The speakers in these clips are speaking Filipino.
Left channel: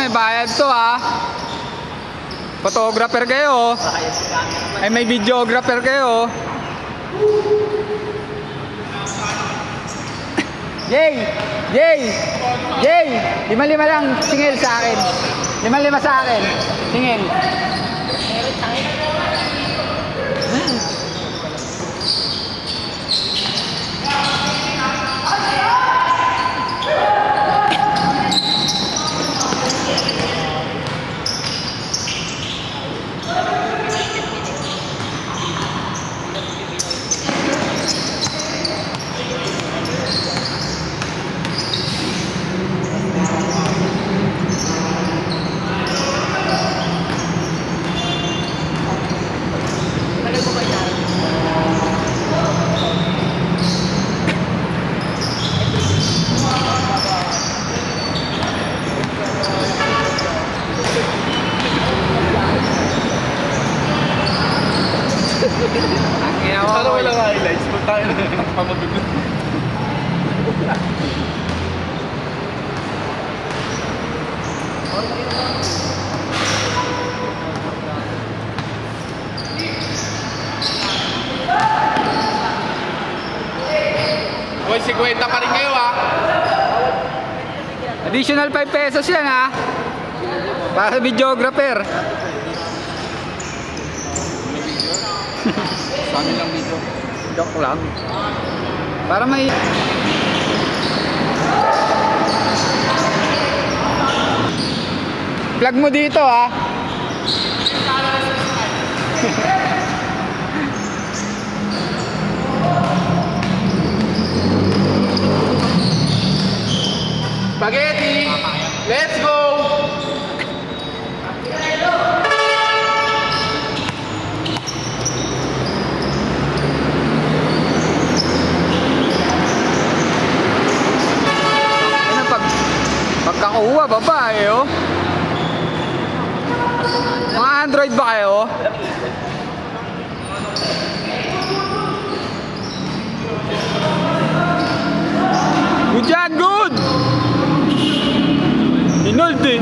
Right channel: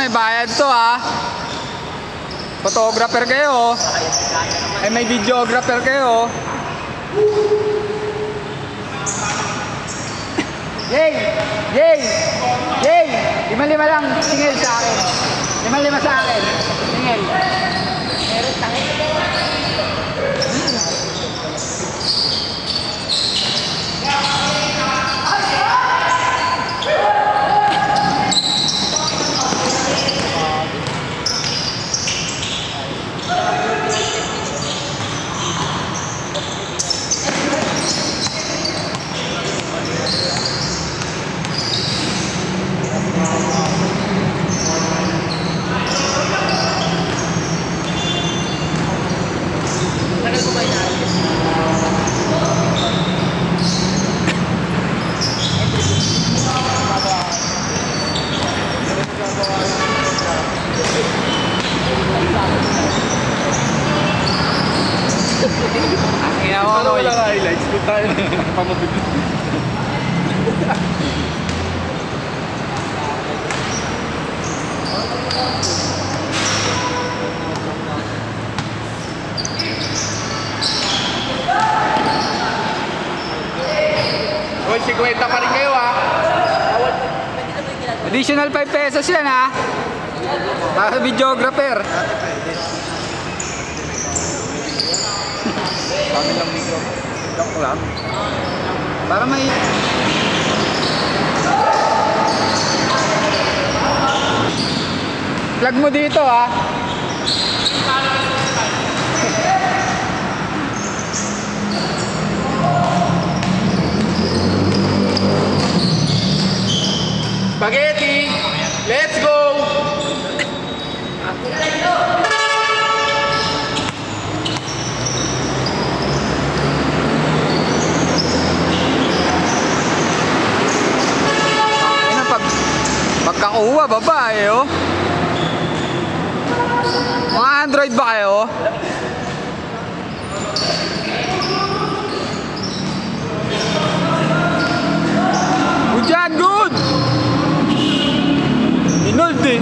may bayad to ha. Photographer kayo. Ay may videographer kayo. Yay! Yay! Yay! 5-5 lang singil sa akin. 5-5 sa akin. Singil. Meron tayo. Sana wala highlights, kung tayo pamabigla. Uy, 50 pa rin kayo ha. Additional 5 pesos yan ha. Para sa videographer. Kami lang dito. Joke lang. Para may... Plug mo dito ha. Spaghetti! Let's go! Pagkakuha, babae oh. Mga Android ba kayo? Good yan, good! Inold eh.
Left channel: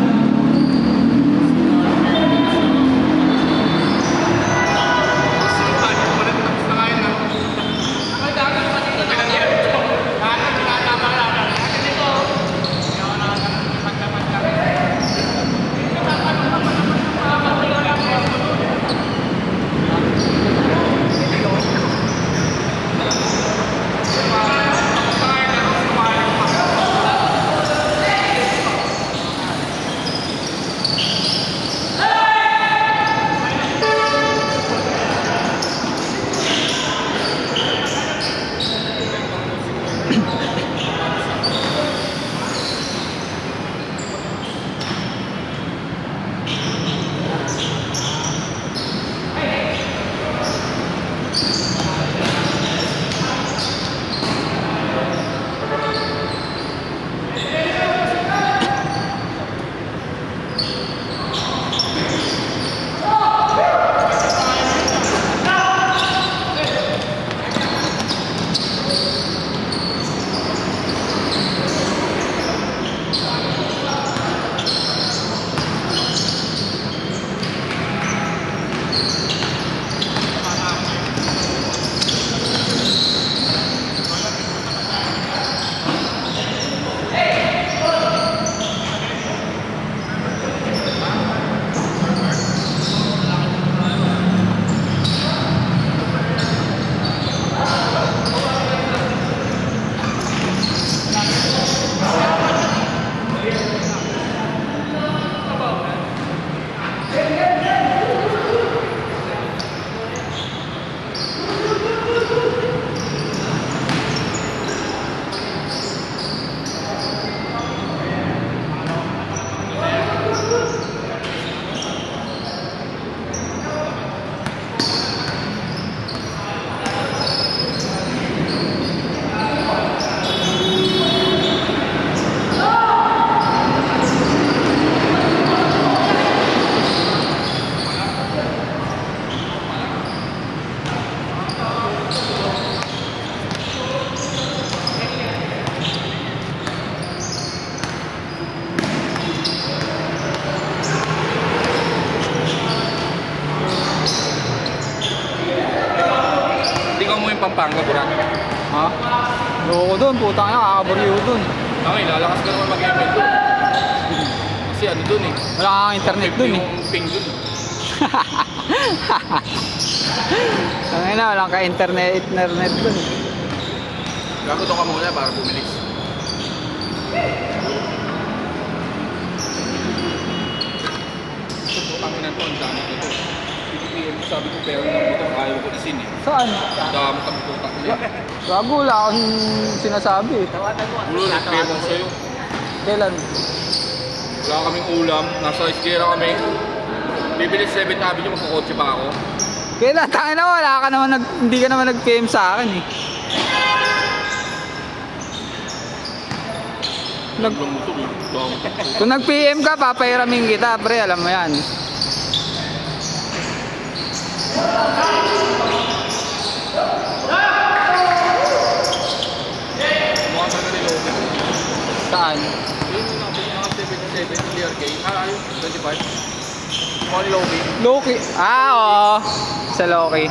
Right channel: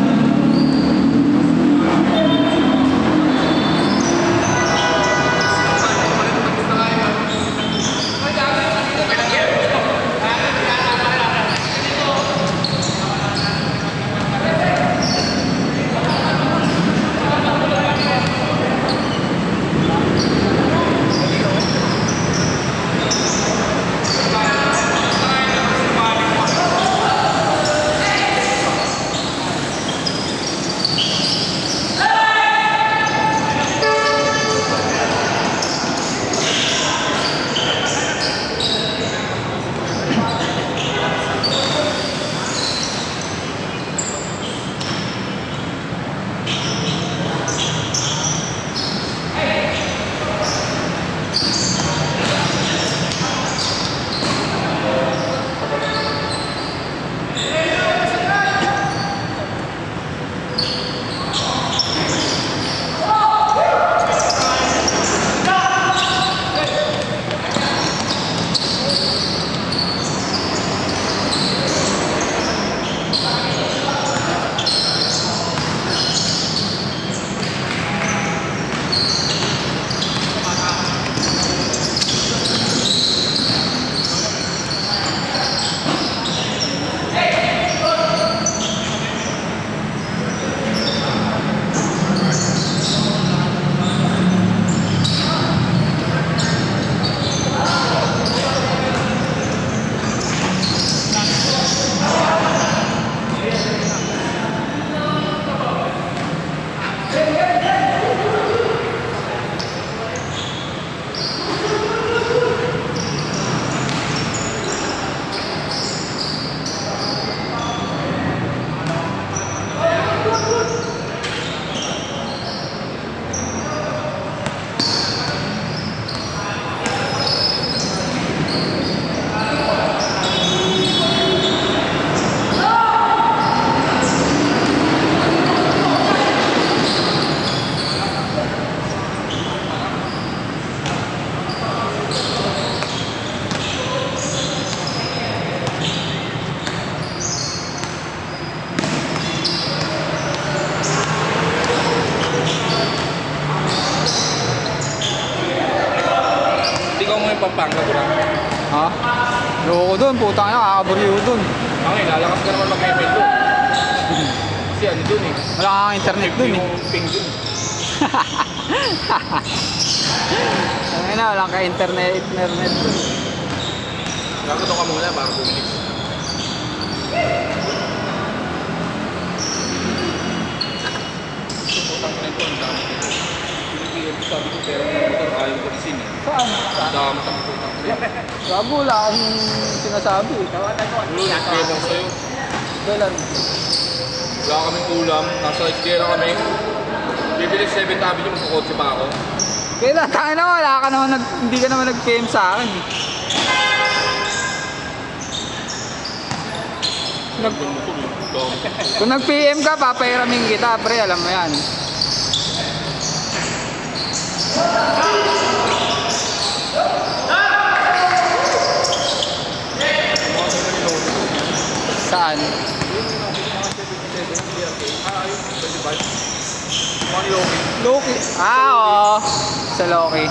Loko doon, putang ina, kakaburiyo doon. Okay, lalakas ka naman mag-ML doon. Kasi ano doon eh. Wala kang internet doon eh. Yung ping doon. Ang ina, walang ka-internet doon. Gaguto ka muna para bumalik. Putang ina to. Sabi ko pero ayaw ko isin eh. Saan? Damot ang putang ko yan. Bago, wala akong sinasabi. Nagkrebang sa'yo. Kailan? Wala kaming ulam. Nasa iskera kami. Bibili 7 tabi yung magkakotse pa ako. Kailan? Tangin na, wala ka naman, hindi ka naman nag-PM sa akin eh. Kung nag-PM ka, papahiramin kita, pre, alam mo yan. Saan? Yun yung mga 77 BRK. Ayun, 25. Mga Loki. Loki. Oo. Sa Loki.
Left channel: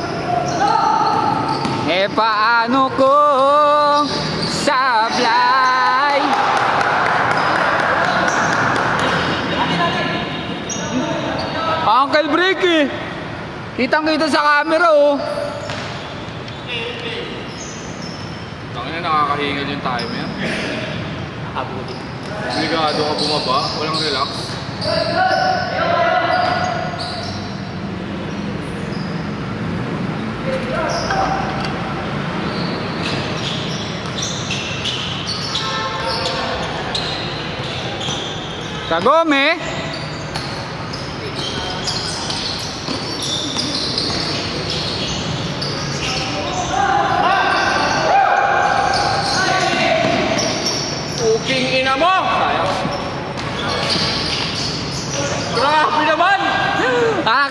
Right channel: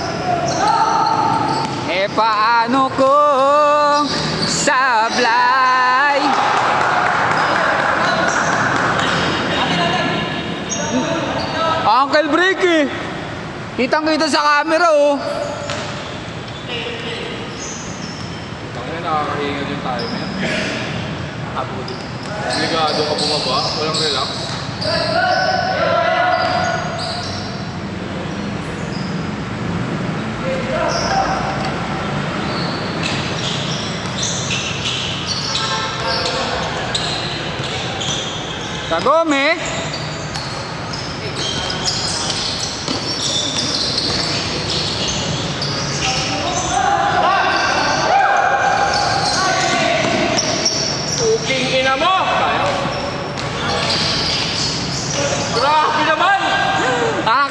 Eh paano kung sablay? Uncle Break eh. Kitang-kita sa camera oh. Tangina, nakakahingan yung time eh. Delikado ka bumaba, walang relax. Kagome. Puking ina mo! Grabe naman!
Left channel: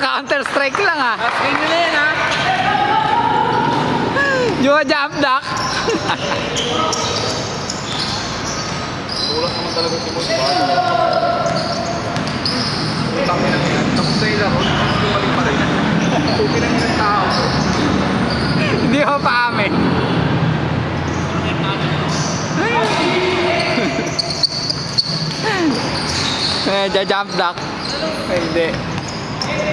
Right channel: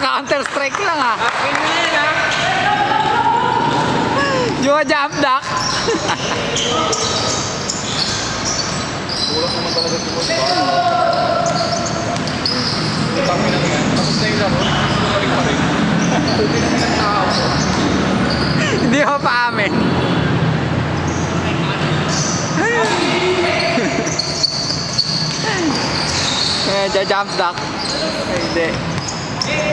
Counter strike lang ah. Akin na yan ha! Jua jump duck. Tulak naman talaga si Moy. Tangin na yan. Tapos na yung laro. Gusto na rin pa rin. Puking naman ng tao. Hindi ako pa amin. Medyo jump duck. Hindi. Kaya.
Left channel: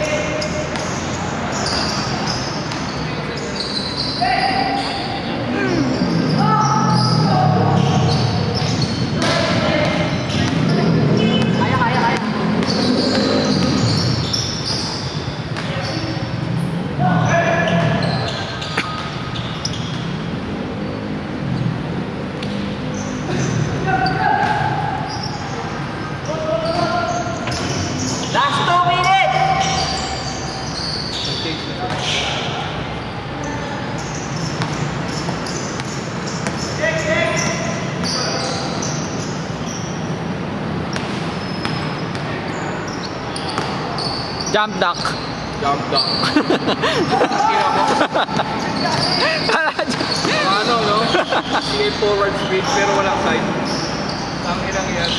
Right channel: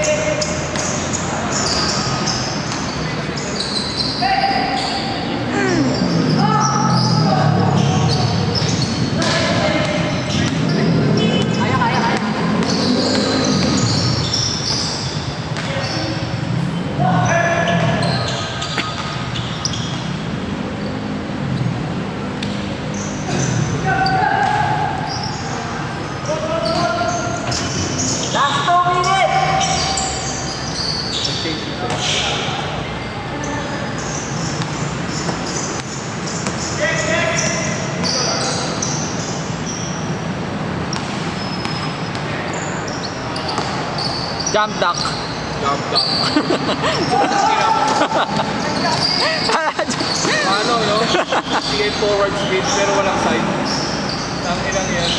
Last 2 minutes! Jump duck. Damdam. Ano no? Sige forward speed pero walang side. Tangin lang yan.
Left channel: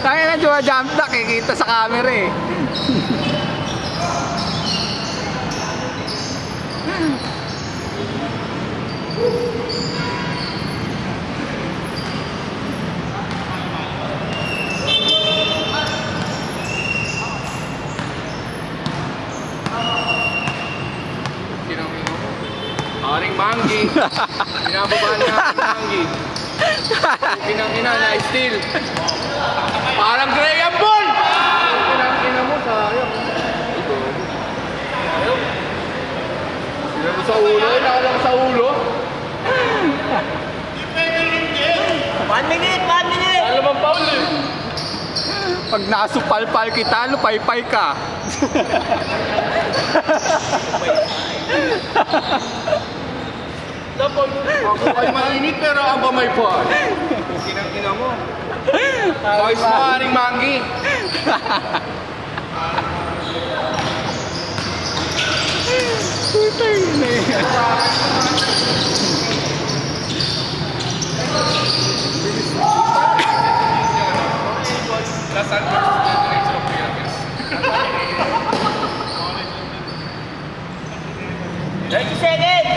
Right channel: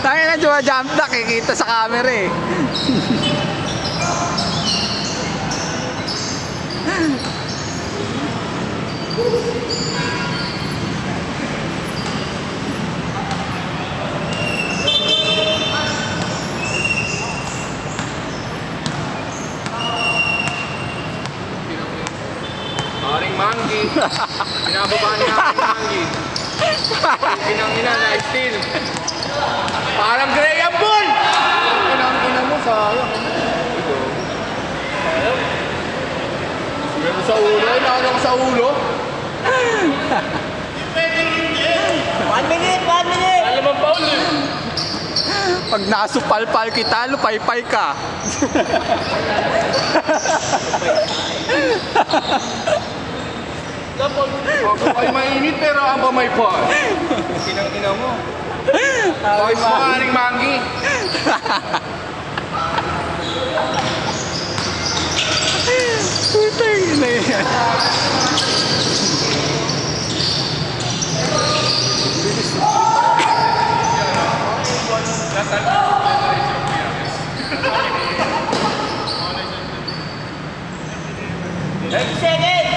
Tayo na Jua jump duck eh. Kita sa camera eh. Maring Manggi. Pinababa niya ang Manggi. Pinang-ina na steal. Parang Graham Ball! Pinang-ina mo, sayang. Ito. Sayang. Sila mo sa ulo, nakalang sa ulo. 1 minute! 1 minute! Alam ang foul eh. Pag nasupal-pal kita, lupay-pay ka. Dapat, ako ay mainit pero ang ba may foul? Pinang-ina mo. Boys mo, Maring Manggi. Putay na yan. Seconds!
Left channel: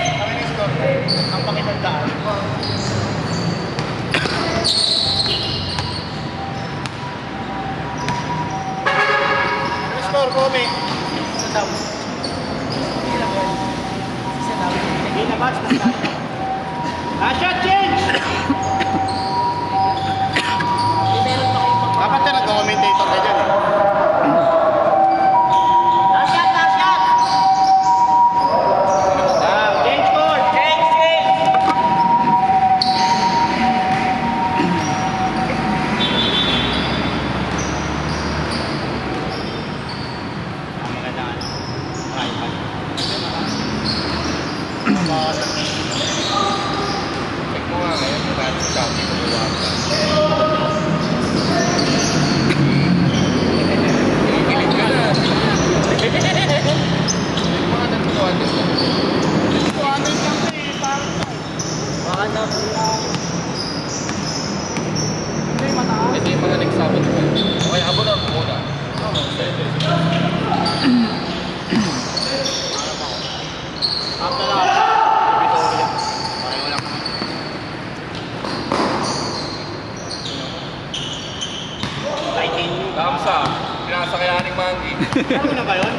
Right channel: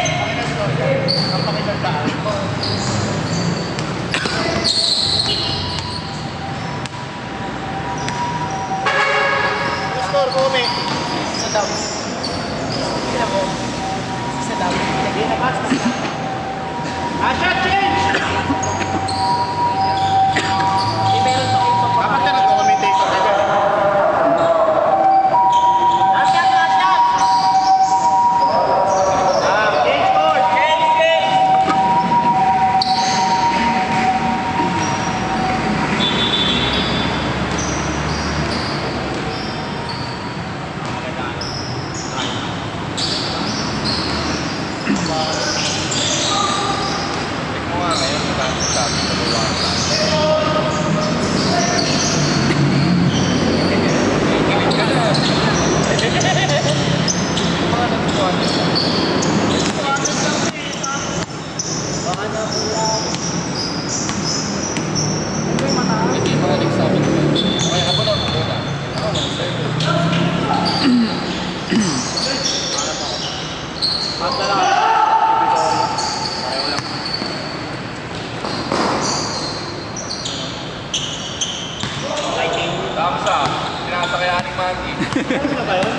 Alex.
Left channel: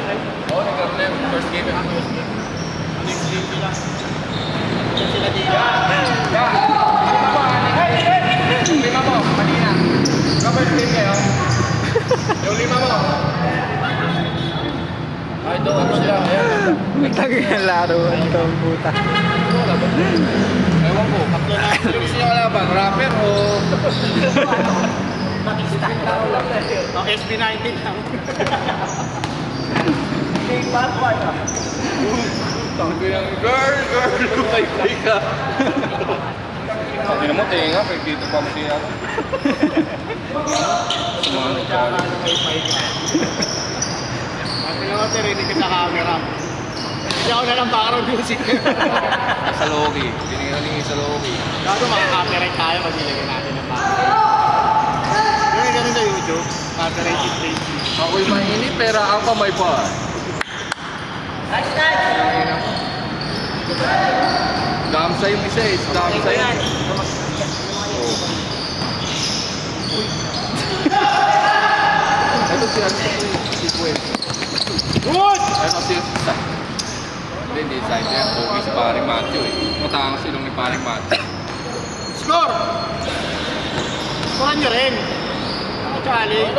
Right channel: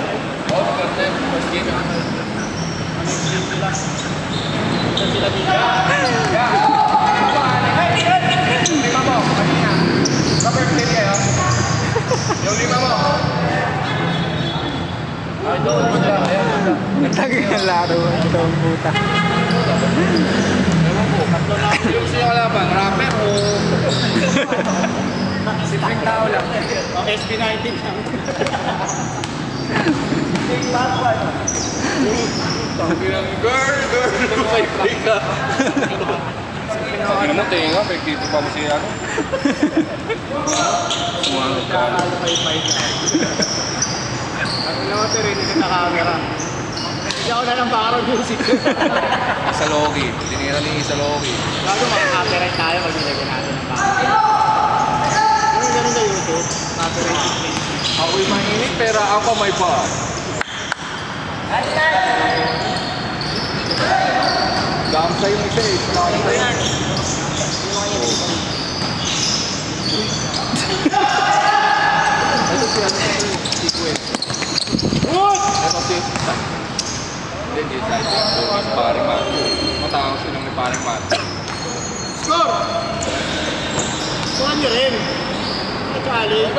Oo, nagkaroon na yun. First game yung first game. Ano yung game sila? Saan sila dito? Yeah. Tingnan mo, Alex. Tingnan mo, kanina. First game yan. Yung lima mo. Ay, doon siya. Nagtagin ng laruan ito ang puta. Ewan ko. Sino gusto niya kalaban? Rapper o... SB19 lang. Take back one. Sabi ng girl, may play ka. Sabi mo, tinga, pagkito pa mo siya. Sumanod ka. Nakakalamaypay ka. At naman tirinig ka sa camera. Kasi ako na lang background music. Sa Loki. Tinira niyo sa Loki. Gago makaka-copyright tayo pag nilagyan natin ng background. Yung ganun sa YouTube, copyrighted things. Ako'y mainit, pero ang kamay pa. Damsa yung isa eh. Damsa yan. Ito siya si Gwen. Ito si hindi side yan. Is paring Matthew eh. Matang silang ni paring Matthew. Score! Score nyo rin. Naka-challenge.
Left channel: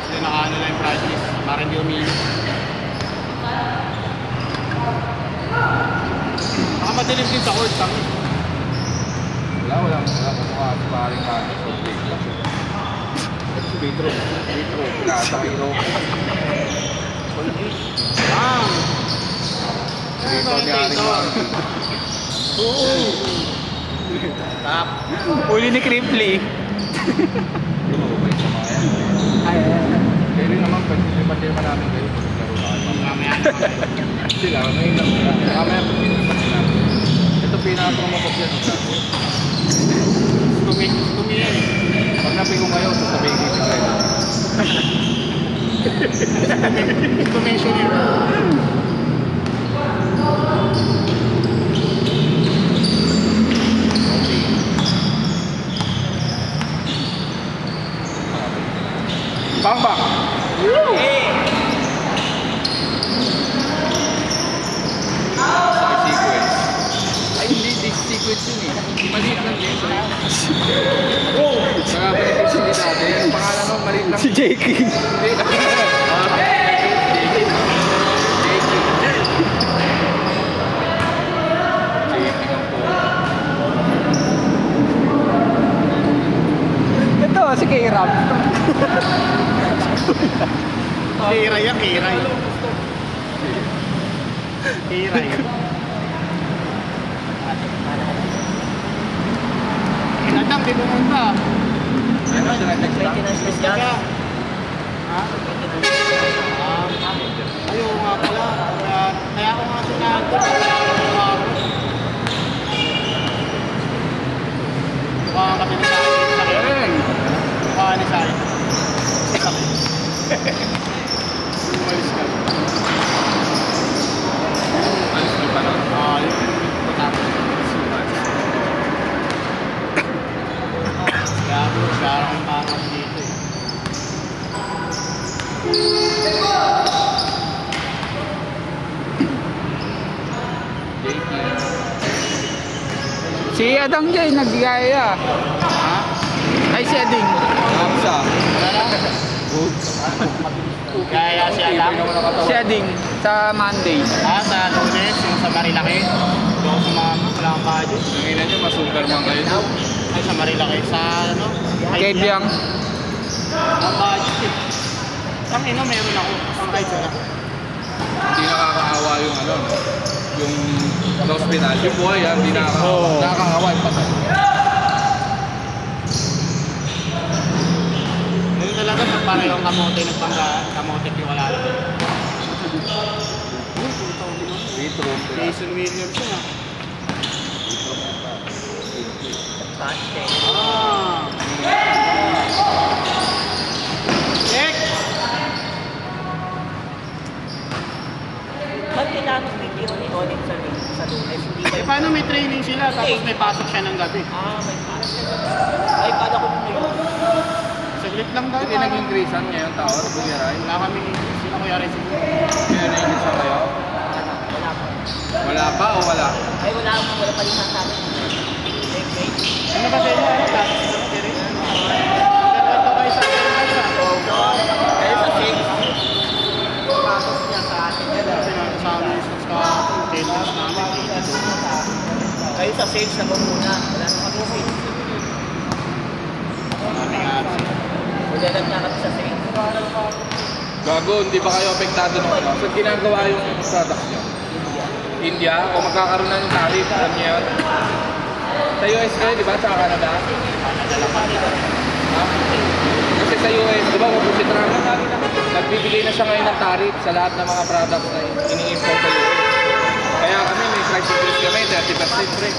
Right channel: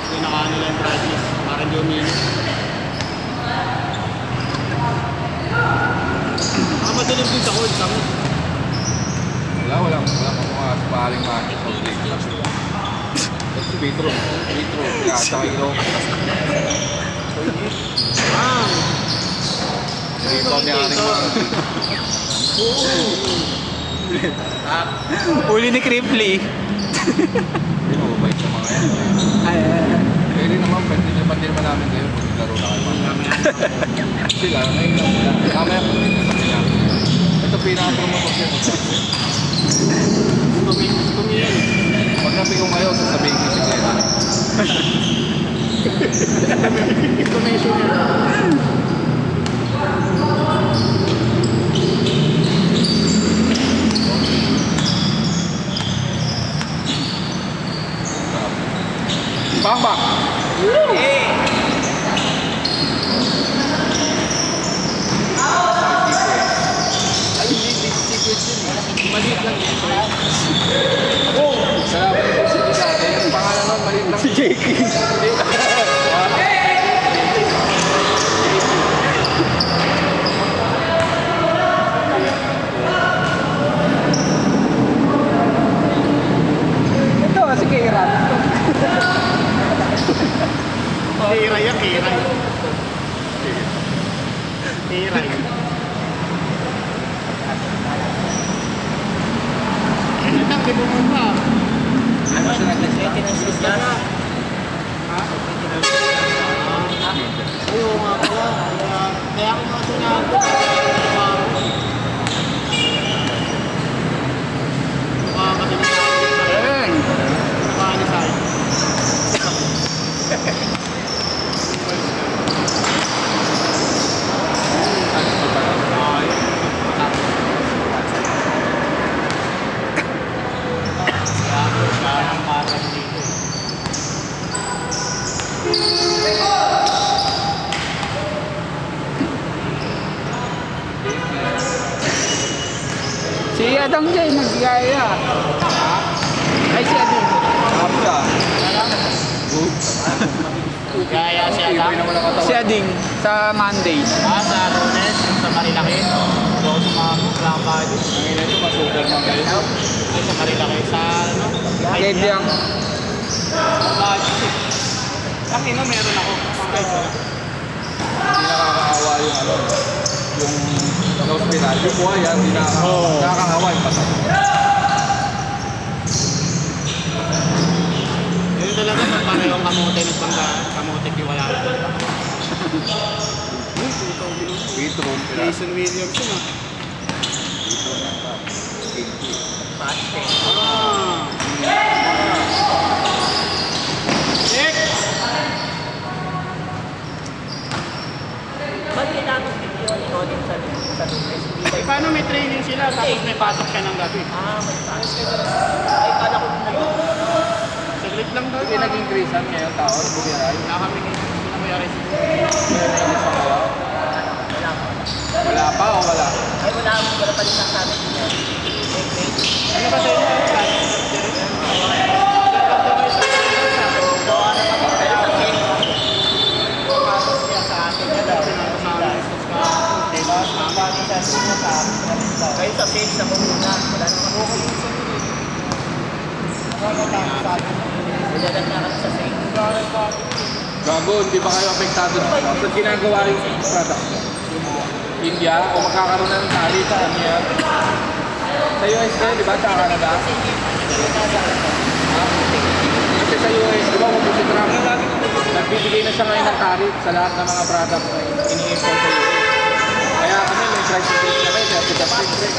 Hindi naka-ano lang yung practice. Parang hindi umilit. Nakamadilim din sa court. Tangin. Wala mga paring Matthew. Ito Vitro. Pinasahiro. Bang! Ano commentator? Tap. Uli ni Cripply. Hindi mababait sa mga yan. Pwede naman, pati namin kayo pag naglaro na kayo. Mamaya na kami. Sila, nailang sila. Mamaya pag namin. Ito pinaka-promote ko. Kumiyan. Pag napigong ayaw, sasabihin ko si Glenn. Commissioner. Bamba! Hey! Ay, hindi secret yun eh. Maliit lang din. Saka ba yung sili dati? Ang pangalan mo, maliit lang. Si JK. Hindi. Ito, si Kira. Kiray yan, kiray. Kiray. Anak, di pupunta. Ano? Maintenance list yan? Ha? Ayaw nga pala. Kaya ako nga sinabi. Mukha kasi ni Sayo. Ayan. Mukha ni Sayo. Si Adang Jay nagigaya. Ay, si Ading. Kamsa. Gaya si Adam. Si Ading sa Monday. Sa Lunes, yung sa Marilaki. Yung sa mga maglang budget. Nanginan nyo, masugal lang kayo. Ay, sa Marilaki. Sa ano? Kebyang. Ang budget. Ang ino, meron ako. Hindi nakakaawa yung ano. Yung hospital. Yung buhay yan, hindi nakakaawa yung patay. Yun talaga, pag parehong kamote nagbanggaan, kamote kiwala lang. Vitro. Jason Williams yun ah. Paste. Ah. Check! Ba't tinatok ni Kioni Odin sa SB? Eh, paano may training sila tapos may pasok siya ng gabi? May paste. Ay, kada ko na yun. Saglit lang daw. pinag-increasean ngayon, tawag, bugiray. Wala kami ni sino Kuya Rizky. Kaya na-increase na kayo. Wala pa o wala? Ay, wala pa rin sa amin. Ano ba sa inyo? Kayo sa stage na muna. Wala naman ako. Nagagad na kami sa stage. Bago, hindi ba kayo apektado ng ano? So, ginagawa yung product nyo? India, o magkakaroon na ng tariff, alam niyo yan? Sa US kayo, di ba? Sa Canada? Ha? Kasi sa US, di ba, kung si Trump, nagbibigay na siya ngayon ng tariff sa lahat ng mga products na ini-import sa US. Kaya kami, may price increase kami, 30% rin.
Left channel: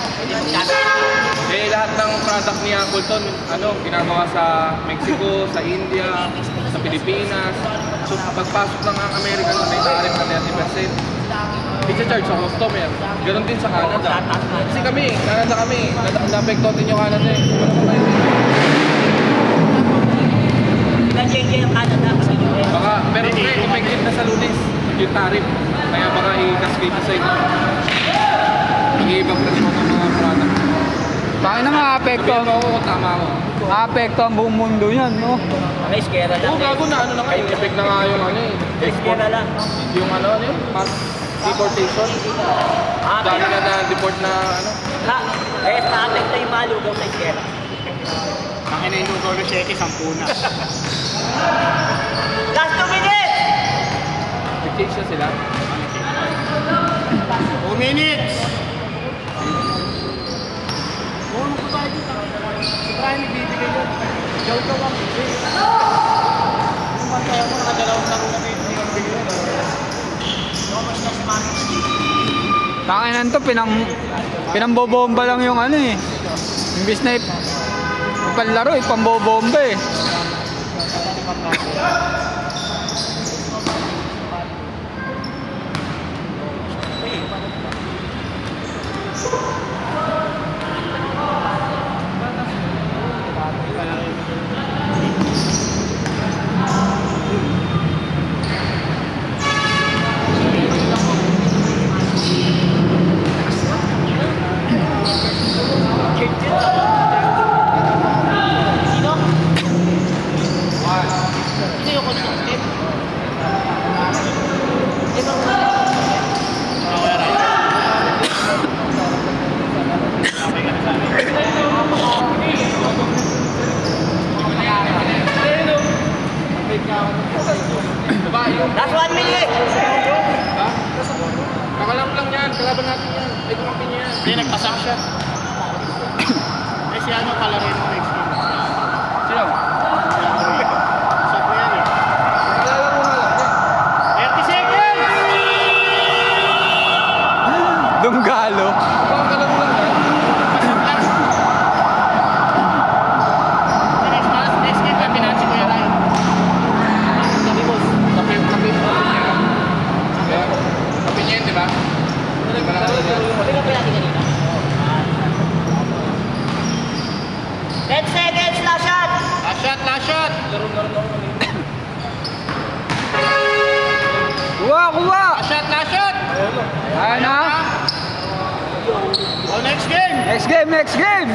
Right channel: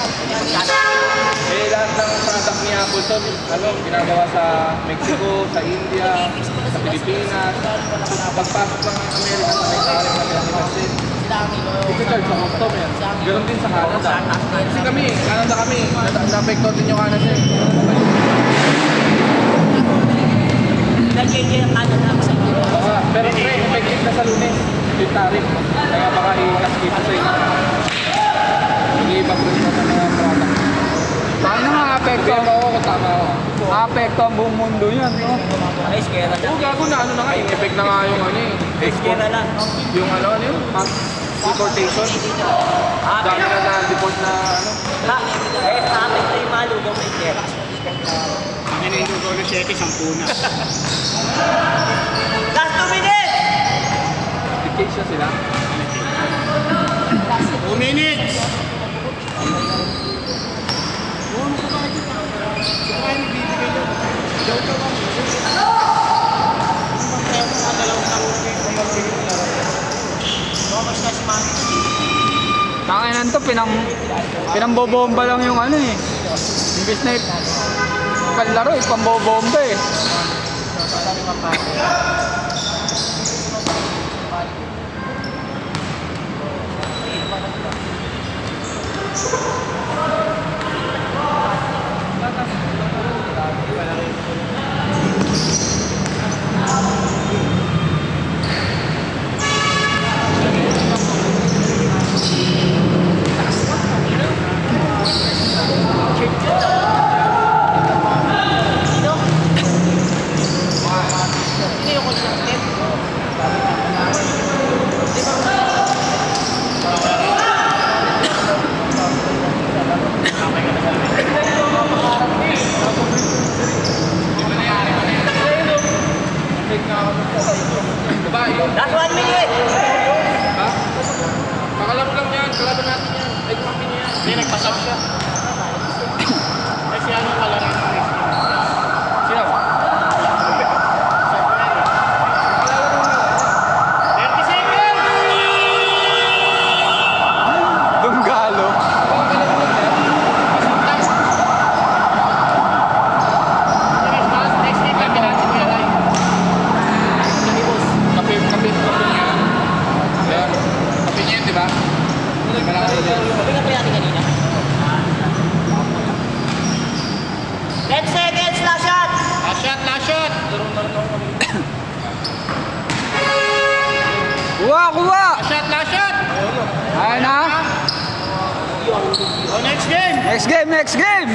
Eh, lahat ng product ni Appleton, ano, ginagawa sa Mexico, sa India, sa Pilipinas. Pagpasok ng American, may tariff na 30%. Kasi charge sa customer. Ganon din sa Canada. Kasi kami, Canada kami. Na-apektuhan din yung Canada eh. Pinag-change ng Canada sa Baka, pero effective na sa Lunes yung tariff. Kaya baka i-cascade sa inyo. I-ibag na sa mga product. Bakit na ma-apekto? Pero ako kung tama ako. Ma-apekto ang buong mundo yan. No? Guys, kaya na Oo, lang. gago na ano na nga. Effect na nga yung ano eh. Guys, kaya na lang. Yung ano yun? Deportation. Dami na na-deport na ano. Guys, natin na yung mga lugaw sa iskera. Ang ininugaw ng 7, 10 na. Last 2 minutes! Dictation sila. 2 minutes! Ano pa tayo dito? Si Brian bibigay yun. Jojo lang. Yung pantaya mo, nakadalawang lang na may bigay yung laro. Thomas na si Mami. Pakinan to, pinambobomba lang yung ano eh. Imbis na palaro, ipambobomba eh. Diba yun? Last 1 minute! Ha? Kakalaro lang yan. Kalaban natin yan. Ito lang pinya yan. Hindi, nagkasap siya. Eh, si ano pala rin ang experience. Sino? Si Brian eh. Kalalaro na lang. 30 seconds! Dunggalo. Baka kalaro lang yan. Next game, may pinansin ko yan ay. Kami, boss. Kape po niya. Kape niya yun, di ba? Hindi ba lang kayo dyan? Sabi nga kaya kanina. 10 seconds, last shot! Last shot, last shot! Kuha, kuha! Last shot, last shot! Ano? Oh, next game! Next game, next game!